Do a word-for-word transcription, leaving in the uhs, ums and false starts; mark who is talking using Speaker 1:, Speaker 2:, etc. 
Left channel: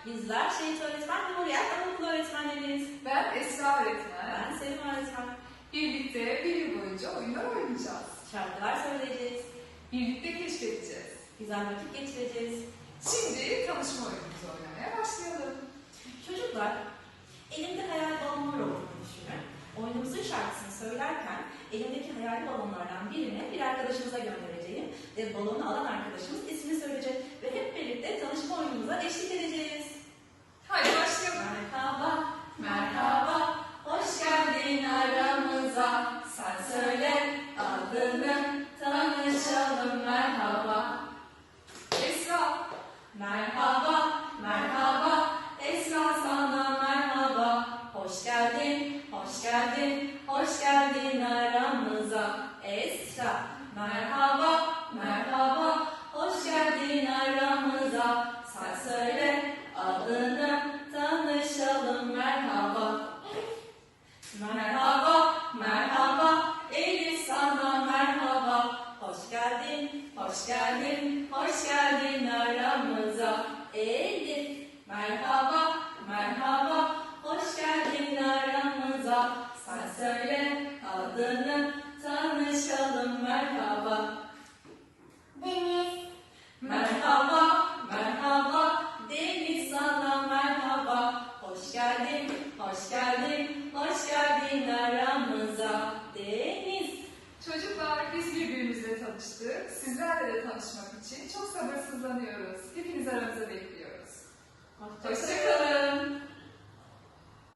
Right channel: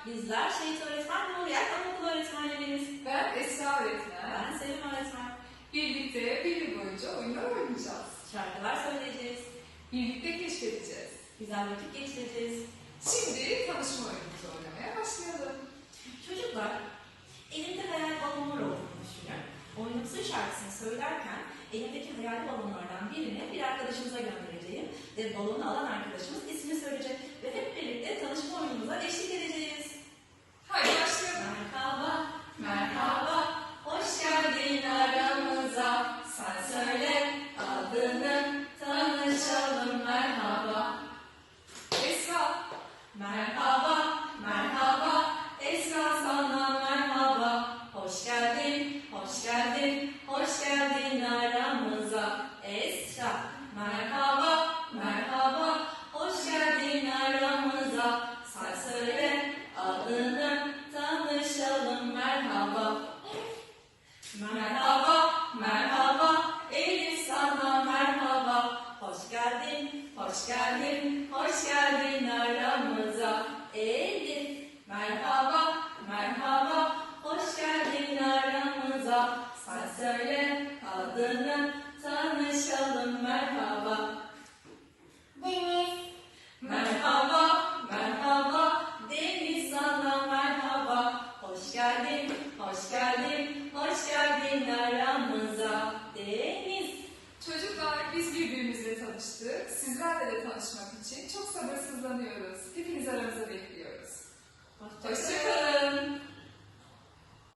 Speaker 1: Bizler Şehit Öğretmen Nuriyet Anaokulu öğretmenleriyiz.
Speaker 2: Ben Esra öğretmen.
Speaker 1: Ben Selim öğretmen.
Speaker 2: Birlikte bir yıl boyunca oyunlar oynayacağız.
Speaker 1: Şarkılar söyleyeceğiz.
Speaker 2: Birlikte keşfedeceğiz.
Speaker 1: Güzel vakit geçireceğiz.
Speaker 2: Şimdi tanışma oyunumuzu oynamaya başlayalım.
Speaker 1: Çocuklar, elimde hayal balonlar olduğunu düşünün. Oyunumuzun şarkısını söylerken elimdeki hayal balonlardan birini bir arkadaşımıza göndereceğim ve balonu alan arkadaşımız ismini söyleyecek ve hep birlikte tanışma oyunumuza eşlik edeceğiz.
Speaker 2: Haydi başlayalım.
Speaker 1: Merhaba, merhaba, hoş geldin aramıza. Sen söyle adını, tanışalım merhaba.
Speaker 2: Esra.
Speaker 1: Merhaba, merhaba, Esra sana merhaba. Hoş geldin, hoş geldin, hoş geldin aramıza. Esra, merhaba, merhaba, hoş geldin aramıza. Sen söyle adını, tanışalım merhaba. Merhaba, merhaba, Elif sana merhaba. Hoş geldin, hoş geldin, hoş geldin aramıza. Elif, merhaba, merhaba, hoş geldin aramıza. Sen söyle adını, tanışalım merhaba. Deniz, merhaba, merhaba, Deniz sana merhaba. Hoş geldin, hoş geldin, hoş geldin aramıza. Deniz.
Speaker 2: Çocuklar, biz birbirimizle tanıştık. Sizlerle de tanışmak için çok sabırsızlanıyoruz. Hepiniz aramıza bekliyoruz.
Speaker 1: Hoşça kalın.